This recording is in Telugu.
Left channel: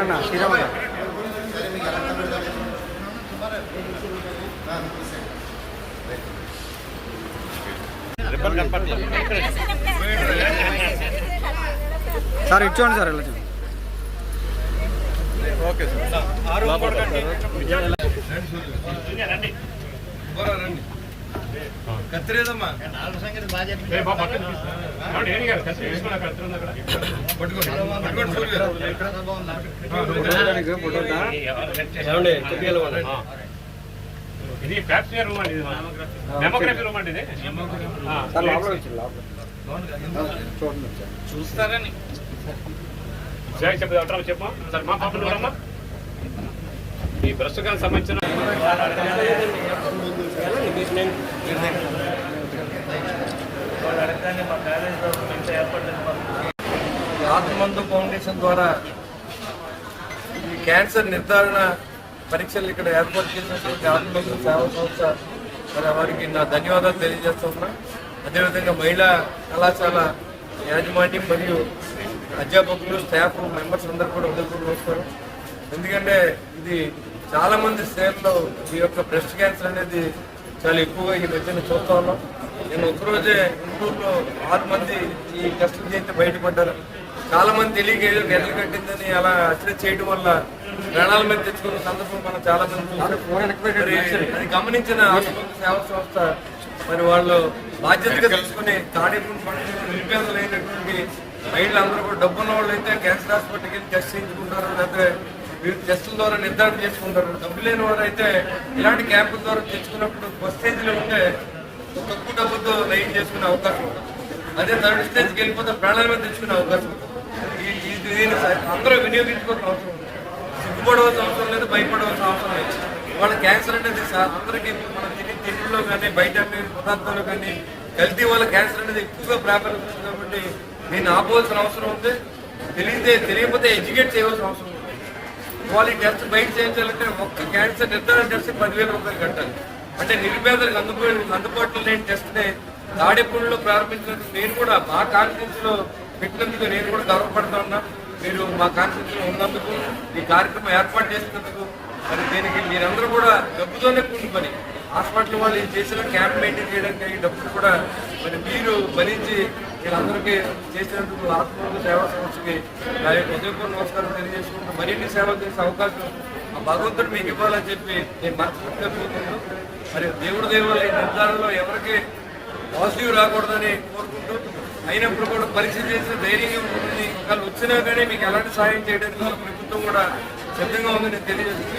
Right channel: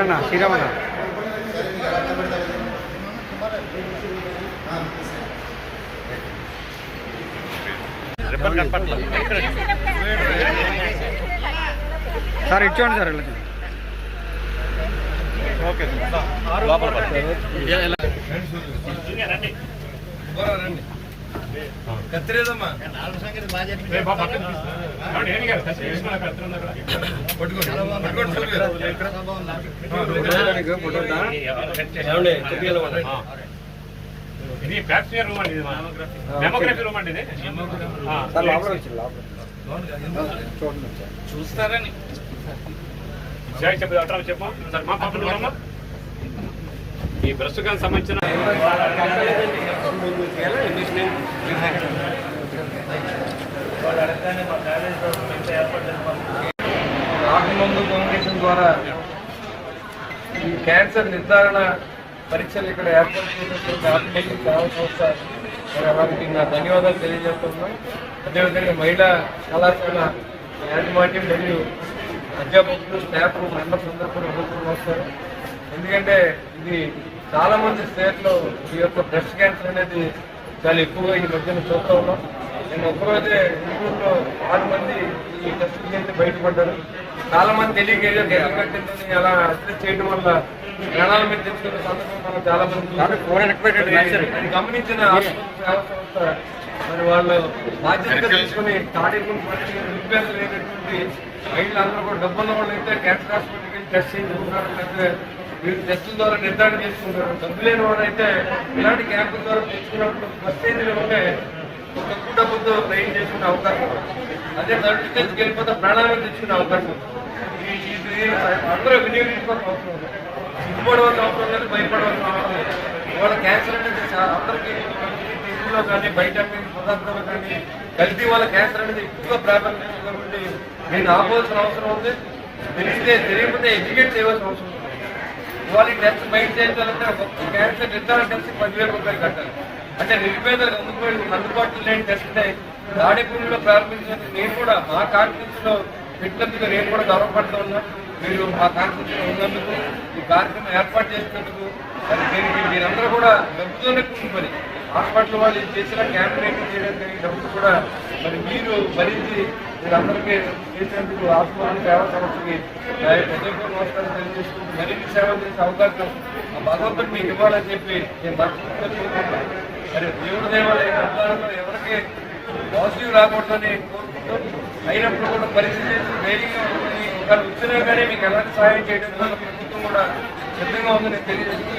ఎక్కడన్నా శ్రీరామన్న సార్ ఇటు చూడండి సార్ ఓకే సార్ లోపల రండి కత్తిరేదమ్మా? ఇది ఫ్యాక్టరీ రూమ్ అండి ఇది డెమోగ్రఫీ రూమ్ అండి ఇది? చూస్తారని చెప్పు డాక్టర్ చెప్పు. సరే మా పాపలు ఎవరమ్మా మీ బ్రెస్ట్ క్యాన్సర్ సంబంధించిన ఆత్మందు కాంబినేషన్ ద్వారా ఈ క్యాన్సర్ నిర్ధారణ పరీక్షలు ఇక్కడ ఏర్పాటు చేసిన ఆత్మందు సేవా సంస్థ మరి వారికి నా ధన్యవాదాలు తెలియజేస్తున్నాను. అదేవిధంగా మహిళా కళాశాల యాజమాన్యం మరియు అధ్యాపకులు స్టాఫ్ మెంబర్స్ అందరూ కూడా ఉదయం వస్తారు. ఎందుకంటే ఇది చాలామంది స్టేట్లో ఈ యొక్క బ్రెస్ట్ క్యాన్సర్ అనేది చాలా ఎక్కువగా ఈ మధ్యన చూస్తూ ఉన్నాం. నేను ఒకరోజే గుంటూరులో ఆరు మంది ఈ కష్టం చేసి బయటపడ్డారు చాలా మంది తెలియక ఏదో గడ్డలు కట్టిందని అలా అచ్చడి చేయడం వల్ల ప్రాణాల మీద తెచ్చుకున్న సందర్భం మనం చాలా మంది గమనించిన సేవా సంస్థ మరి వాళ్ళు బాధ్యతగా తీసుకుని తాడేకుండా పండించిన నిరుపేదలు లేనటువంటి మహిళలందరూ కూడా డబ్బున్న వాళ్ళు అయితే క్యాన్సర్ హాస్పిటల్కి టెస్ట్ చేయించుకుంటారు లేకపోతే మీరు టెస్టుల ద్వారా నిర్ధారణ చేసుకుంటారు. డబ్బు లేని వారు అయితే ఇలాంటి క్యాంపుల ద్వారా తెచ్చుకున్నప్పుడు ఫస్ట్ స్టేజ్లో ఉంటే ఒక ఎక్కువ డబ్బుతో నయం చేసుకునే అవకాశం అదే థర్డ్ స్టేజ్కి వెళ్ళిపోతే ప్రాణాలను తెచ్చుకునే అవకాశం ఉంది ఈ- ఇది అందరూ వినియోగించుకోవాల్సిన అవసరం ఉంది సిగ్గుపడవలసిన అవసరం లేదు భయపడవలసిన అవసరం లేదు వాళ్ళ క్యాన్సర్ అనేది సార్ అందరికీ ఇప్పుడు మనం తినే తిండిలో కానీ బయట పదార్థాలు కానీ కల్తీ వల్ల క్యాన్సర్ అనేది ఎక్కువగా ప్రాబల్యం కాబట్టి నేను ఆపోవాల్సిన అవసరం ఉంది. తెలియతే తెలియకపోతే ఎడ్యుకేట్ చేయవలసిన అవసరం ఉంది. వాళ్ళు టెస్ట్ బయట చేయించాలంటే ఒక్క క్యాన్సర్ నిర్ధారణ టెస్ట్ పదివేల రూపాయలు కట్టాలి. అంటే నిరుపేదలకు అందుబాటు అందుబాటులో లేని టెస్ట్ తాడేపూడిలో ప్రారంభించినందుకు నేను కూడా మా కాన్ఫరెన్స్ పెట్టినందుకు నేను కూడా గర్వపడుతున్నా మీరు మా కాన్ఫరెన్స్ ఉన్నందుకు ఈ కార్యక్రమం ఏర్పాటు చేసినందుకు మరి దీనికి మీరందరూ కూడా మెప్పుతోనే హాస్పిటల్ వాళ్ళు చేసిన క్యాంప్ మెయింటైన్ చేయడానికి డబ్బులు కూడా మరి మీరు భరించి వీళ్ళందరికీ చేసినందుకు హాస్పిటల్ సేవా సంస్థకి నా యొక్క ఉదయపూర్ నమస్కారం తెలియజేసుకుంటూ మరిన్ని సేవలు చేసే అవకాశం ఆ భగవంతుడు మీకు ఇవ్వాలని చెప్పి నేను మనస్ఫూర్తిగా కోరుకుంటున్నాను. మరి దేవుడి దేవాలయ నిర్ధారణలో ఎవరికి పాజిటివ్ రాకూడదని కోరుకుంటాం అయినప్పుడు కూడా పరిస్థితి చేసి ధైర్యంగా ఉంటుంది ఒకవేళ వచ్చినా కానీ మీకు ఎలాంటి సహాయం చేయడం ప్రభుత్వం కూడా సిద్ధంగా ఉందని తెలియజేస్తుంది